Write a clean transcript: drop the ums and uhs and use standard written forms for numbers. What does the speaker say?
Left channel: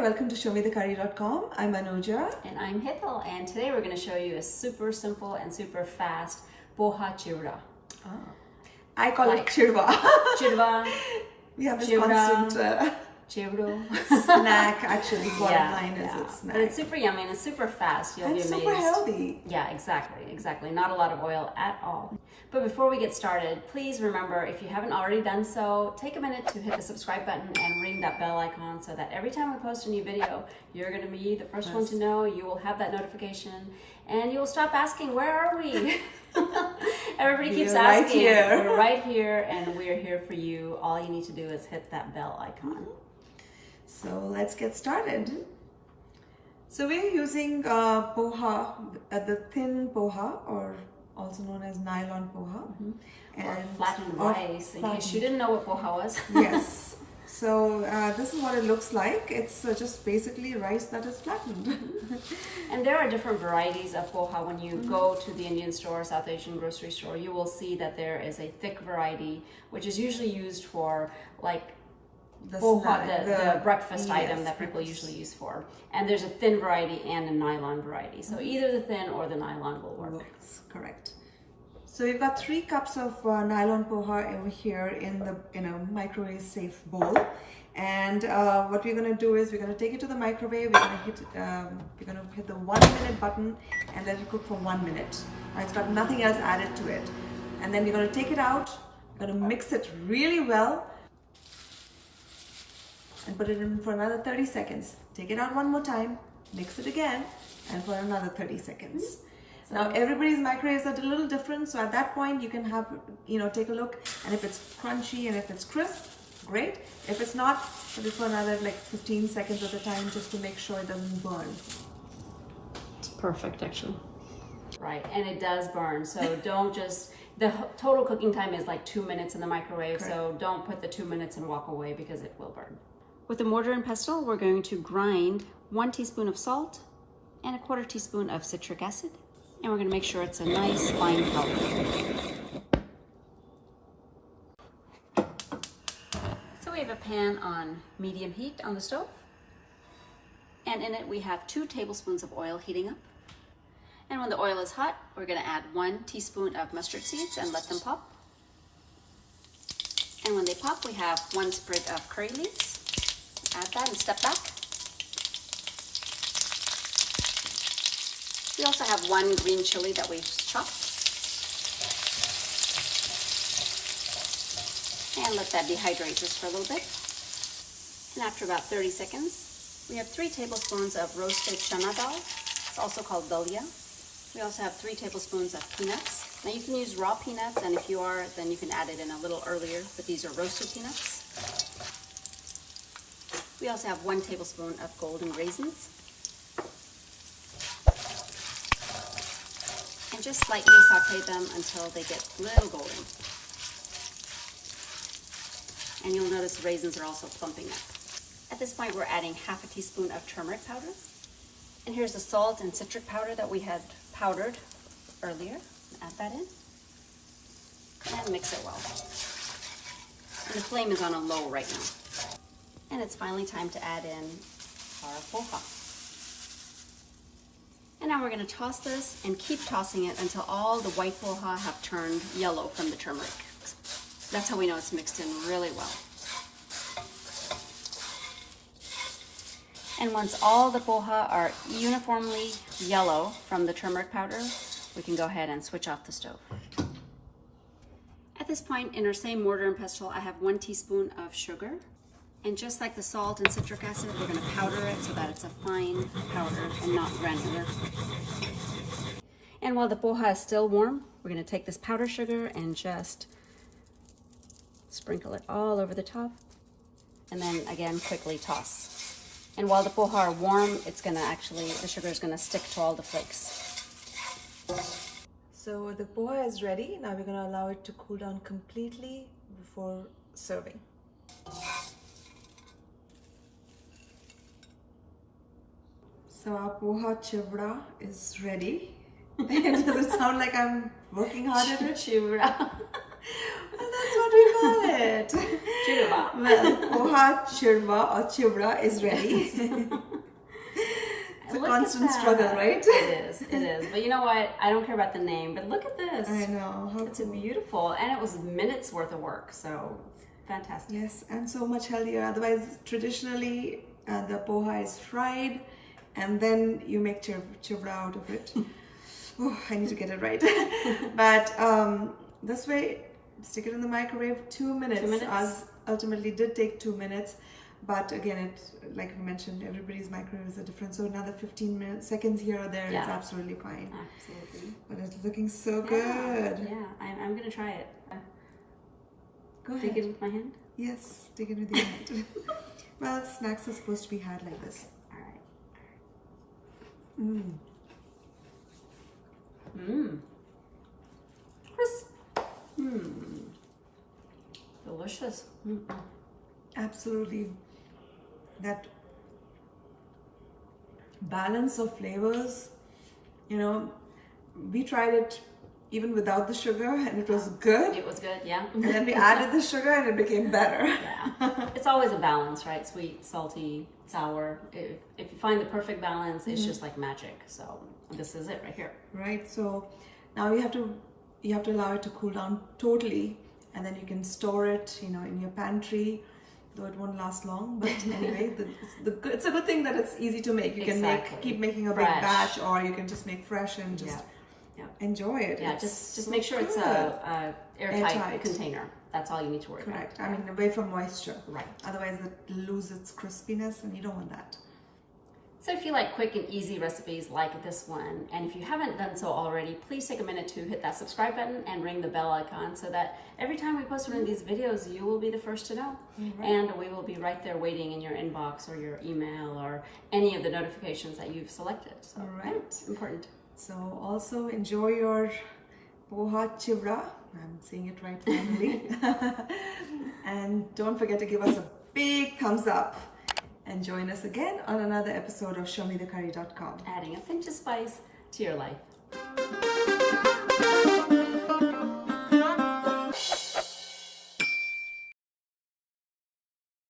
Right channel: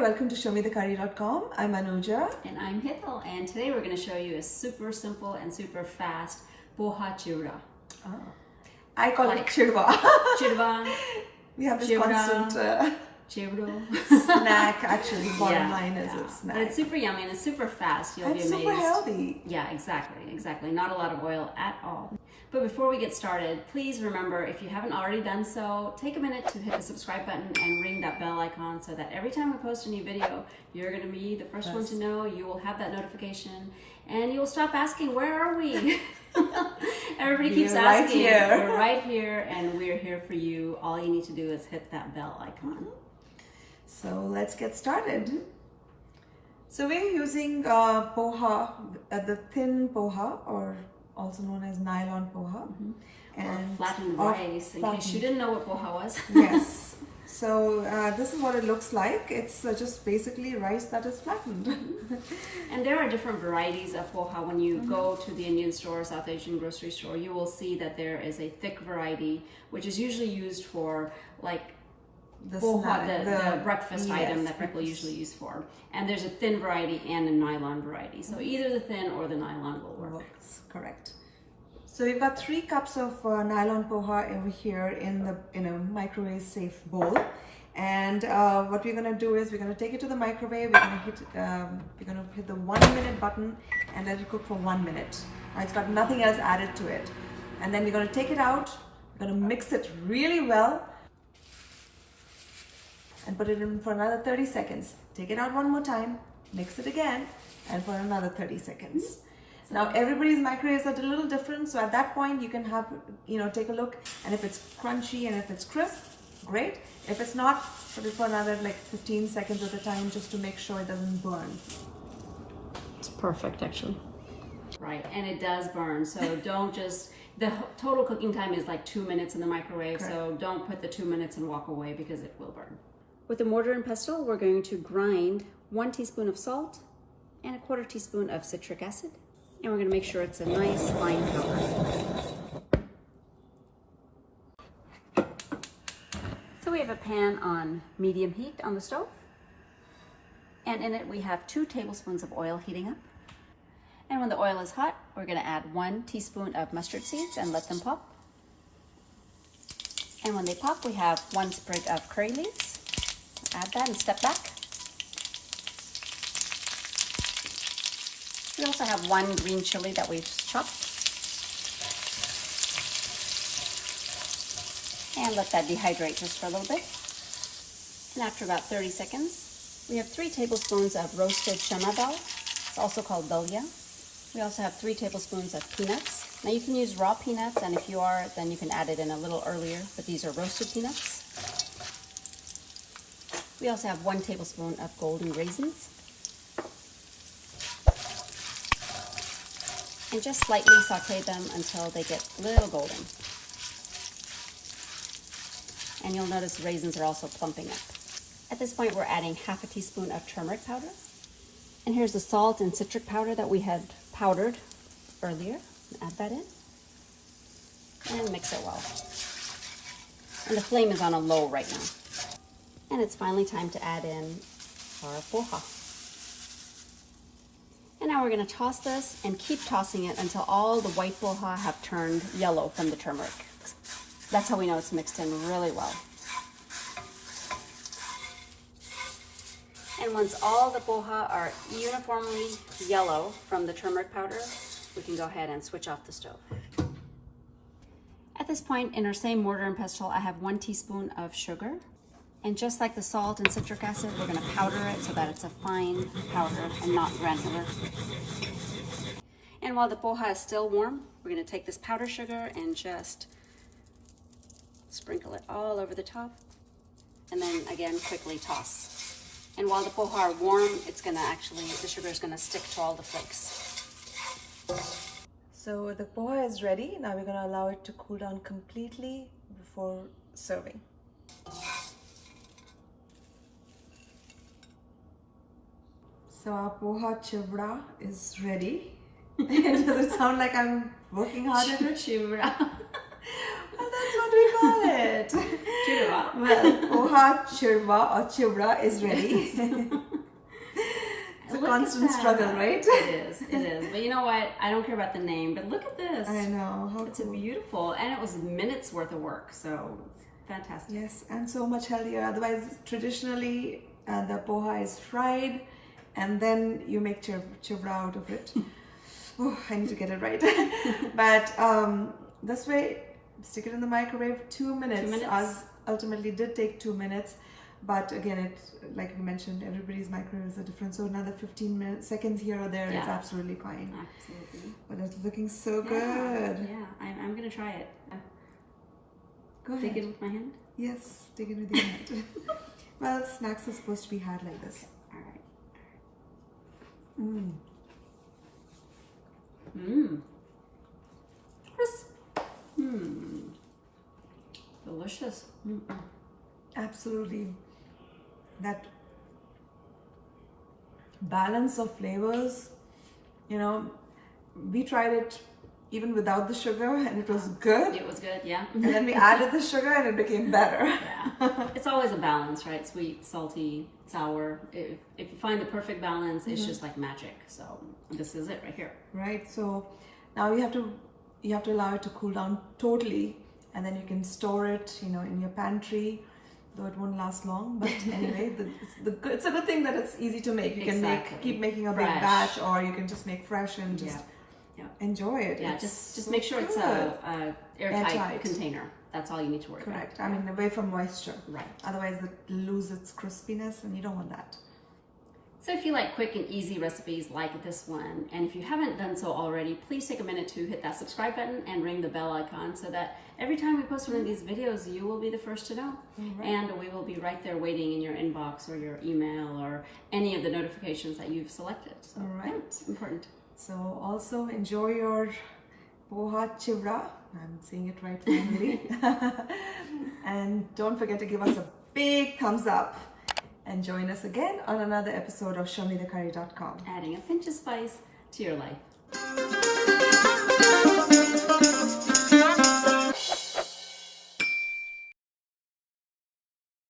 welcome to ShowMeTheCurry.com. I'm Anuja. And I'm Hital, and today we're going to show you a super simple and super fast Poha Chivda. I call it Chivda. Chivda. We have this Chivda. constant Chivda. snack, actually. Bottom line is it's snack. But it's super yummy and it's super fast. You'll And be amazed. super healthy. Yeah, exactly. Not a lot of oil at all. But before we get started, please remember, if you haven't already done so, take a minute to hit the subscribe button and ring that bell icon so that every time we post a new video, you're going to be the first one to know. You will have that notification and you will stop asking, where are we? Everybody keeps asking. Right here. We're right here and we're here for you. All you need to do is hit that bell icon. So let's get started. So we're using poha, the thin poha, or also known as Nylon Poha, and flattened rice. In case you didn't know what Poha was. Yes. So this is what it looks like. It's just basically rice that is flattened. And there are different varieties of Poha. When you go to the Indian store, South Asian grocery store, you will see that there is a thick variety, which is usually used for like Poha, the breakfast item that people usually use for. And there's a thin variety and a nylon variety. So either the thin or the nylon will work. Correct. So we've got 3 cups of Nylon Poha over here in a microwave safe bowl. And what we're gonna do is we're gonna take it to the microwave. We're gonna hit the 1-minute button and let it cook for 1 minute. Now, it's got nothing else added to it. And then we're gonna take it out. We're gonna mix it really well and put it in for another 30 seconds. Take it out one more time, mix it again, and for another 30 seconds. Now everybody's microwaves are a little different, so at that point you can have, take a look, and if it's crunchy and if it's crisp, great. If it's not, put it for another like 15 seconds at a time just to make sure it doesn't burn. It's perfect actually. Right, and it does burn, so don't just, the total cooking time is like 2 minutes in the microwave, correct. So don't put the 2 minutes and walk away because it will burn. With a mortar and pestle, we're going to grind 1 teaspoon of salt and 1/4 teaspoon of citric acid. And we're going to make sure it's a nice fine powder. So we have a pan on medium heat on the stove. And in it we have 2 tablespoons of oil heating up. And when the oil is hot, we're going to add 1 teaspoon of mustard seeds and let them pop. And when they pop, we have 1 sprig of curry leaves. Add that and step back. We also have 1 green chili that we've chopped. And let that dehydrate just for a little bit. And after about 30 seconds, we have 3 tablespoons of roasted Channa dal. It's also called Daliya. We also have 3 tablespoons of peanuts. Now you can use raw peanuts, and if you are, then you can add it in a little earlier, but these are roasted peanuts. We also have 1 tablespoon of golden raisins. And just slightly saute them until they get a little golden. And you'll notice the raisins are also plumping up. At this point, we're adding 1/2 teaspoon of turmeric powder. And here's the salt and citric powder that we had powdered earlier. Add that in. And mix it well. And the flame is on a low right now. And it's finally time to add in our poha. And now we're going to toss this and keep tossing it until all the white poha have turned yellow from the turmeric. That's how we know it's mixed in really well. And once all the poha are uniformly yellow from the turmeric powder, we can go ahead and switch off the stove. At this point, in our same mortar and pestle, I have 1 teaspoon of sugar. And just like the salt and citric acid, we're going to powder it so that it's a fine powder and not granular. And while the poha is still warm, we're going to take this powdered sugar and just sprinkle it all over the top. And then again, quickly toss. And while the poha are warm, the sugar is going to stick to all the flakes. So the poha is ready. Now we're going to allow it to cool down completely before serving. So our Poha Chivda is ready. Does it sound like I'm working hard at it? Chivda. Well, that's what we call call it? Chivda. Well, Poha Chivda or Chivda is ready. It's a constant struggle, right? It is, it is. But you know what? I don't care about the name, but look at this. I know, how It's cool. beautiful, and it was minutes worth of work, so fantastic. Yes, and so much healthier. Otherwise, traditionally, the poha is fried, and then you make chivda out of it. Oh, I need to get it right. But this way, stick it in the microwave, 2 minutes. 2 minutes. Ours ultimately did take 2 minutes. But again, it, like we mentioned, everybody's microwaves are different. So another 15 seconds here or there, it's absolutely fine. Absolutely. But it's looking so good. Yeah, I'm going to try it. Go ahead. Take it with my hand? Yes, take it with your hand. Well, snacks are supposed to be had like this. All right. Mm. Mmm. Crisp. Mmm. Delicious. Mm. Absolutely. That balance of flavors, you know, we tried it even without the sugar and it was good. It was good, yeah. And then we added the sugar and it became better. Yeah. It's always a balance, right? Sweet, salty, sour. If you find the perfect balance, it's just like magic. So this is it right here. Right. So now you have to allow it to cool down totally, and then you can store it, you know, in your pantry. Though it won't last long, but anyway, it's a good thing that it's easy to make. You can keep making a big batch, or you can just make fresh and just enjoy it. Yeah, just make sure it's a airtight container. That's all you need to worry about. Correct. I mean, away from moisture. Right. Otherwise, it loses its crispiness, and you don't want that. So if you like quick and easy recipes like this one, and if you haven't done so already, please take a minute to hit that subscribe button and ring the bell icon so that every time we post one of these videos, you will be the first to know. Right. And we will be right there waiting in your inbox or your email or any of the notifications that you've selected. So important. So also enjoy your Poha Chivda. I'm saying it right finally. And don't forget to give us a big thumbs up. And join us again on another episode of ShowMeTheCurry.com. Adding a pinch of spice to your life.